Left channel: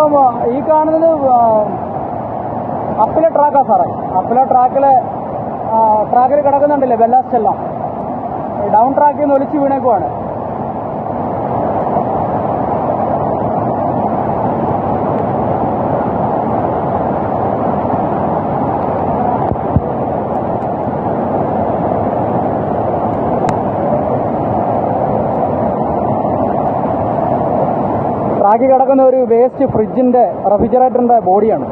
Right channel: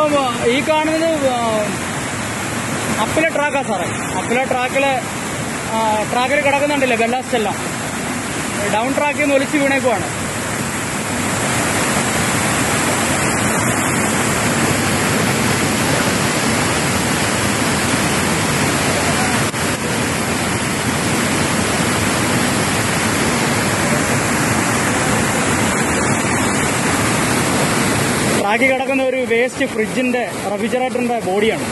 ഇതിപ്പം ആ, ഈ കാണുന്നത് അപ്പിലെ ട്രാക്കാ സാറേ. അപ്പിലെ ട്രാക്കിൽ ട്രാക്കിൽ കിടക്കുന്നുണ്ടല്ലേ ബെല്ലാസ്റ്റ് എല്ലാം ഡൗൺ ട്രാക്കിൽ നിന്ന് ഒലിച്ച് വീണേക്കുവാണ്. ട്രാക്കിൽ കിടക്കുന്ന ഒരു വേസ്റ്റ് ഫ്രിഡ്ജിന്റെ റെഫ്രിജറേറ്ററിന്റെ ബോഡിയാണ്